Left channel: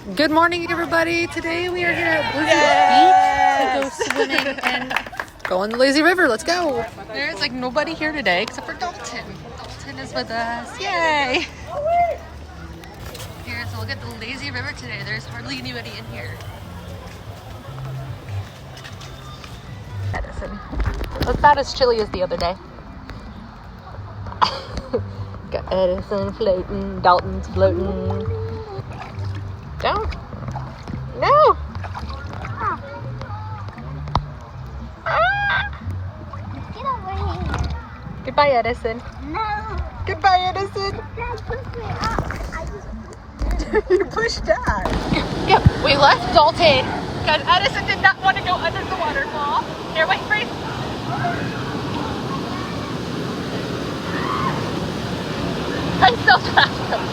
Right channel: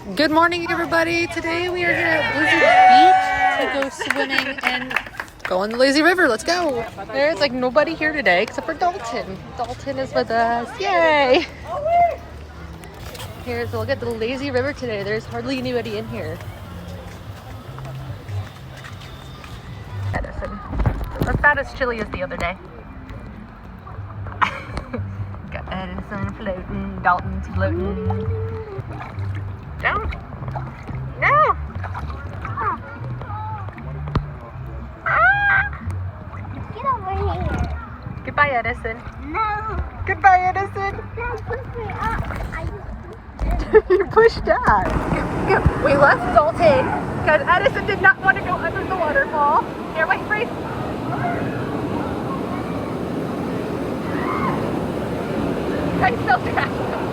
Good morning, everybody. Today we are here at Blizzard Beach to go swimming and go in the lazy river. Let's go. There's like nobody here today except for Dalton. Dalton is with us. Yay! Here's a look at the lazy river today. There's hardly anybody in here. Edison. It's not as chilly as the other day. Got Edison floating, Dalton's floating. Don't. No. Get over here. Goodbye, Edison. No. Goodbye, Edison. Don't push me up. You pushed that. Yeah, we left Dalton because Edison did not want to go under the waterfall. Here, wait, freeze. I still trapped him.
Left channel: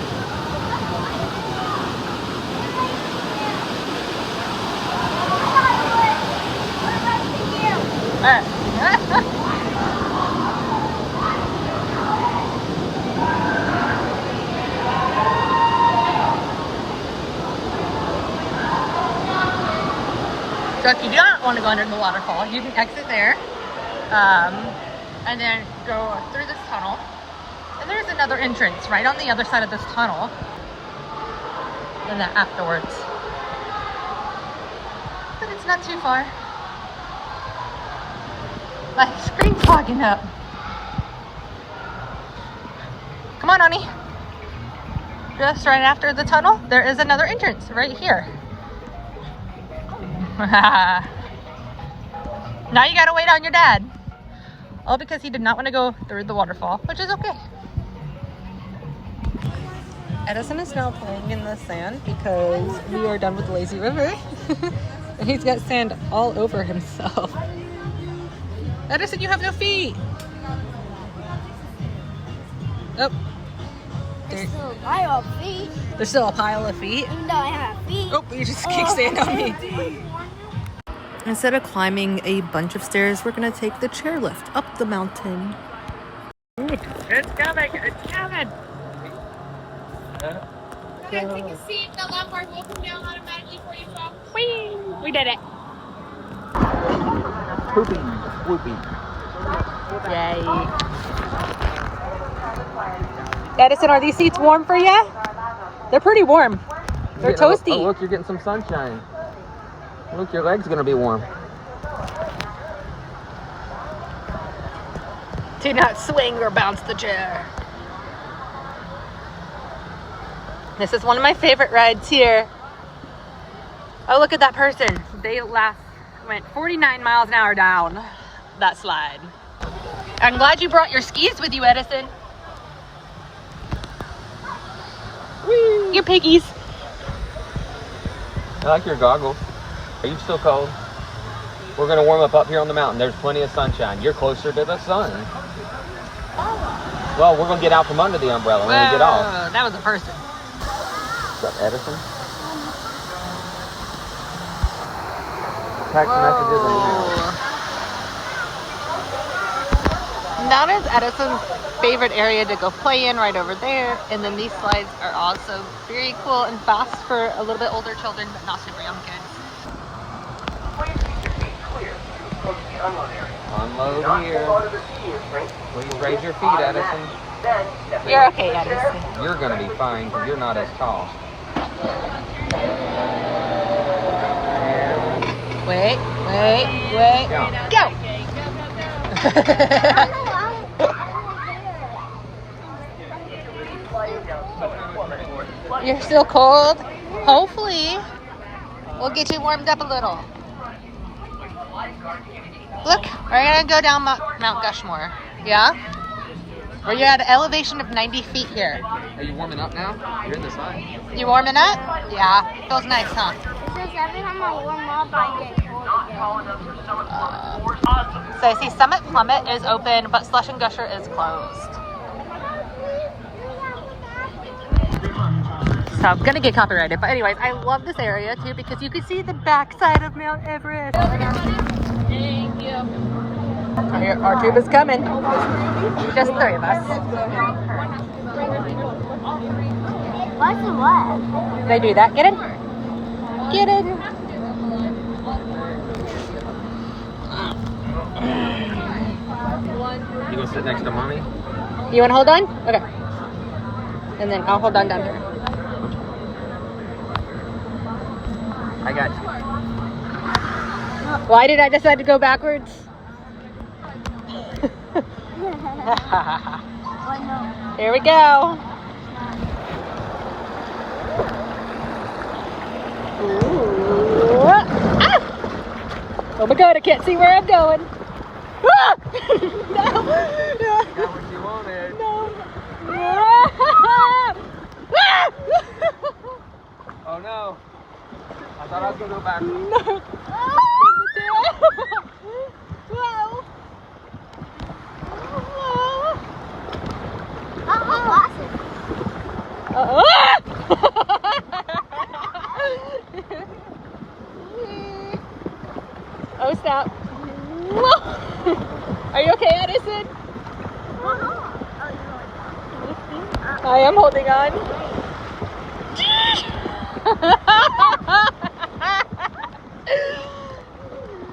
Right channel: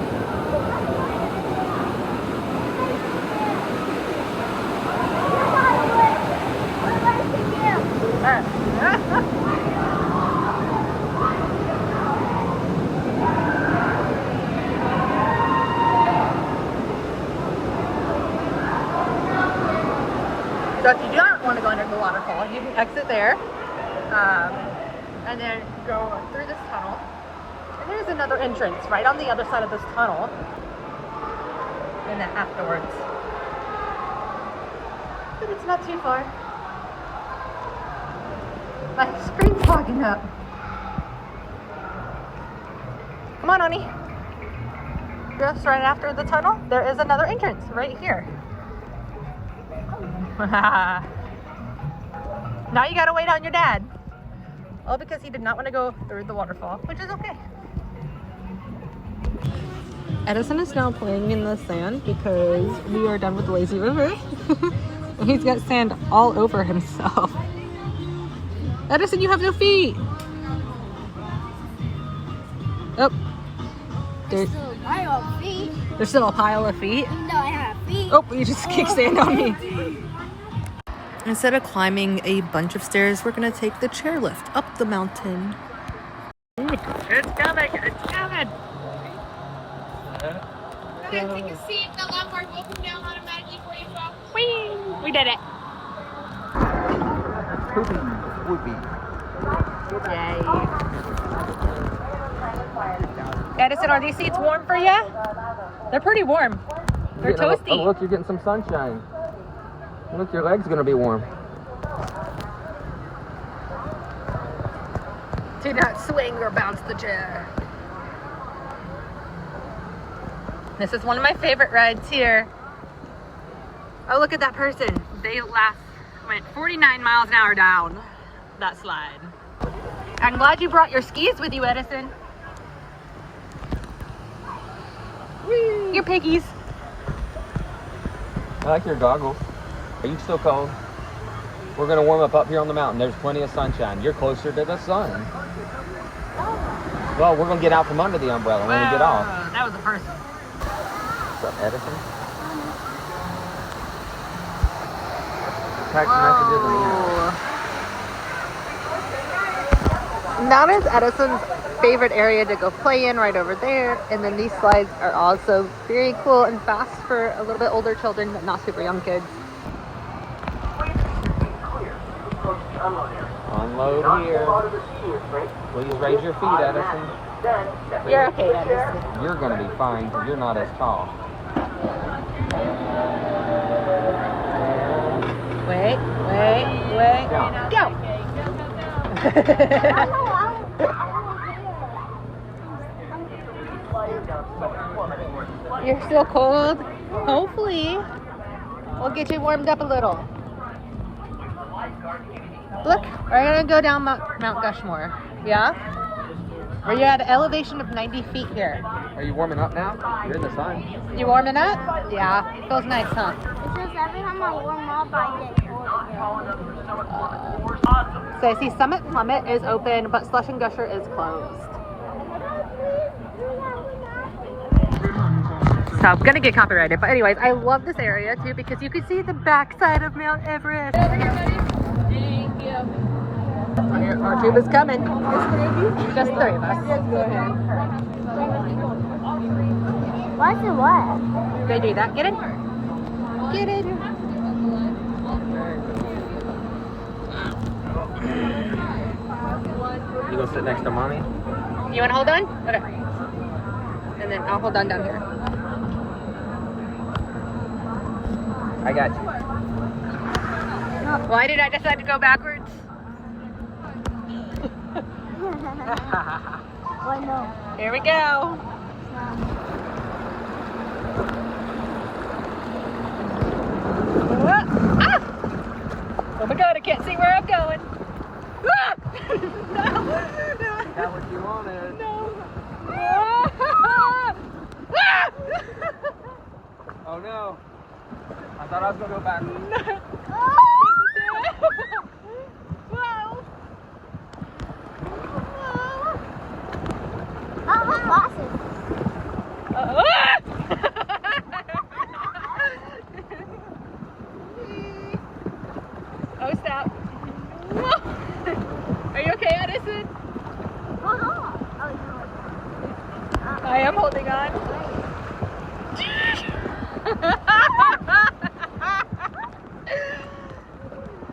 So if you don't want to go under the waterfall, you can exit there and then go through this tunnel. And there's another entrance right on the other side of this tunnel. And then afterwards. But it's not too far. My screen's fogging up. Come on, honey. Just right after the tunnel, there is another entrance right here. Now you gotta wait on your dad. All because he did not want to go through the waterfall, which is okay. Edison is now playing in the sand because we are done with the lazy river. And he's got sand all over himself. Edison, you have no feet. Oh. There's still a pile of feet. There's still a pile of feet? Even though I have feet. Oh, you just kicked sand on me. Instead of climbing a bunch of stairs, we're going to take the chairlift up the mountain. It's coming. It's coming. Okay, take a seat. The lombards will come down automatically for you, folks. Whee! We did it. Poopy. Yay. Edison, are these seats warm for you? They're pretty warm. They're toasty. Oh, look, you're getting some sunshine. Look, your leg's gonna be warm. Do not swing or bounce the chair. This is one of my favorite rides here. Oh, look at that person. They went 49 miles an hour down that slide. I'm glad you brought your skis with you, Edison. Whee! Your piggies. I like your goggles. Are you still cold? We're gonna warm up here on the mountain. There's plenty of sunshine. You're closer to the sun. Well, we're gonna get out from under the umbrella when we get off. That was a person. What's up, Edison? Text messages and That is Edison's favorite area to go play in, right over there. And then these slides are also very cool and fast for a little bit older children, but not super young kids. unload here. Please raise your feet, Edison. You're okay, Edison. You're gonna be fine because you're not as tall. Wait. Go! You're still cold? Hopefully, we'll get you warmed up a little. Look, we're gonna go down Mount Gushmore. Yeah? We're at an elevation of 90 feet here. Are you warming up now? You're in the sun. You warming up? Yeah. Feels nice, huh? It's just every time I warm up, I get cold again. So I see Summit Plummet is open, but Slush and Gusher is closed. So I'm gonna get copyrighted, but anyways, I love this area too because you can see the backside of Mount Everest. Thank you. Our tube is coming. Just three of us. What's the what? They do that. Get in. Get it. You gonna sit next to mommy? You want to hold on? Okay. And then I'll hold on down here. I got you. Why did I decide to go backwards? Well, no. Here we go. Ah! Oh my god, I can't see where I'm going. Ah! No. Got what you wanted. Oh no. I thought I was gonna go back. Oh, my glasses. Oh, stop. Are you okay, Edison? Oh, no. I am holding on.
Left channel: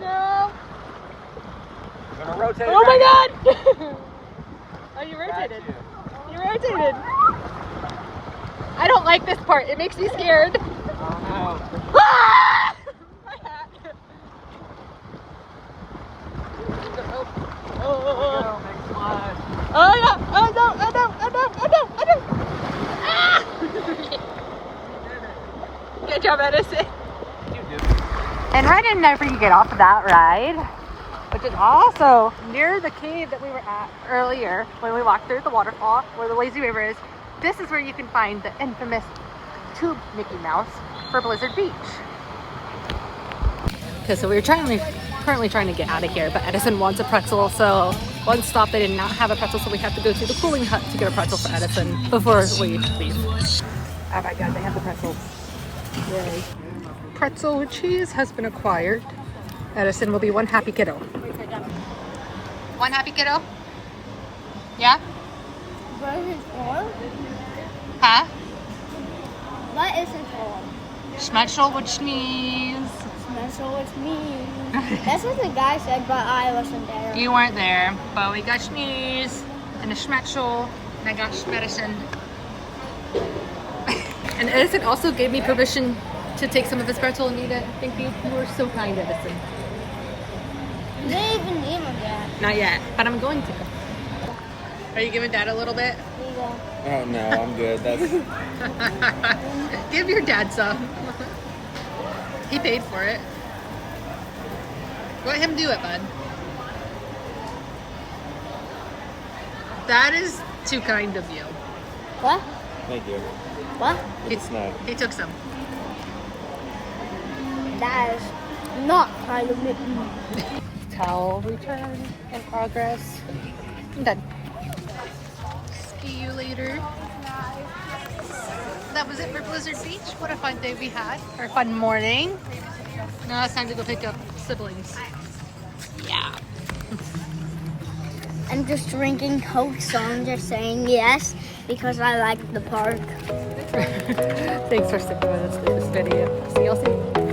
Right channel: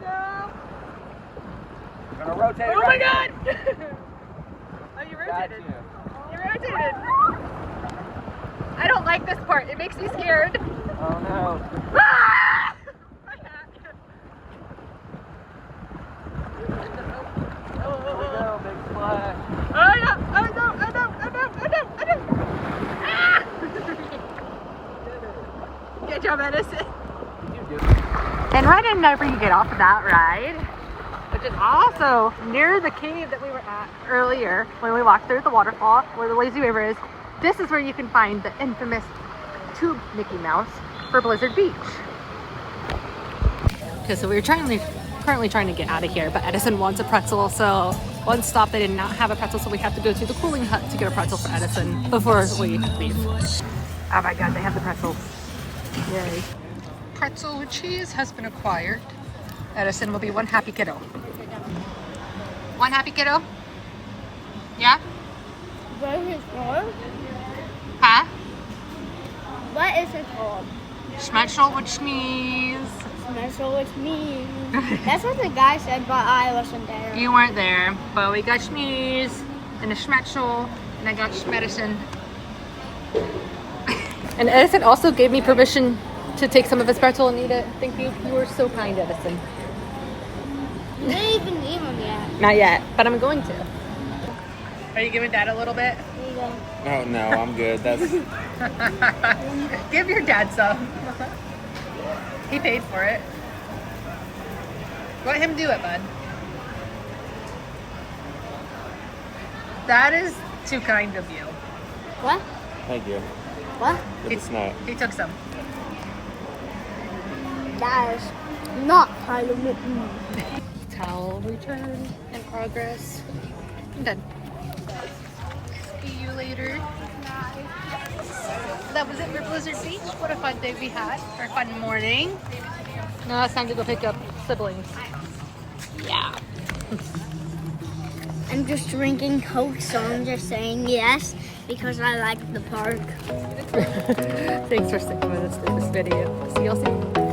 No. I'm gonna rotate. Oh my right god! Oh, you Got rotated. you. You rotated. I don't like this part. It makes me scared. Oh no. Ah! My hat. Here we go, big splash. Oh no! Oh no! Oh no! Oh no! Oh no! Oh no! Ah! Good job, Edison. You do. And right in whenever you get off of that ride, which is also near the cave that we were at earlier when we walked through the waterfall where the lazy river is, this is where you can find the infamous tube Mickey Mouse for Blizzard Beach. Okay, so we're currently trying to get out of here, but Edison wants a pretzel, so one stop they did not have a pretzel, so we have to go to the cooling hut to get a pretzel for Edison before we leave. Oh my god, they have the pretzels. Yay. Pretzel with cheese has been acquired. Edison will be one happy kiddo. One happy kiddo? Yeah? What is it for? Huh? What is it for? Schmetzel with sneeze. Special with me. That's what the guy said, but I wasn't there. You weren't there, but we got sneeze and a schmetzel, and I got medicine. And Edison also gave me permission to take some of his pretzel and eat it. Thank you. You were so kind, Edison. You didn't even eat one yet. Not yet, but I'm going to. Are you giving Dad a little bit? Oh no, I'm good. That's Give your dad some. He paid for it. Let him do it, bud. That is too kind of you. What? thank you. What? It's not. He took some. That is not kind of me. Towel return in progress. I'm done. See you later. That was it for Blizzard Beach. What a fun day we had. Or a fun morning. Now it's time to go pick up siblings. Yeah. I'm just drinking Coke, so I'm just saying yes because I like the park. Thanks for sticking with us in this video. See y'all soon.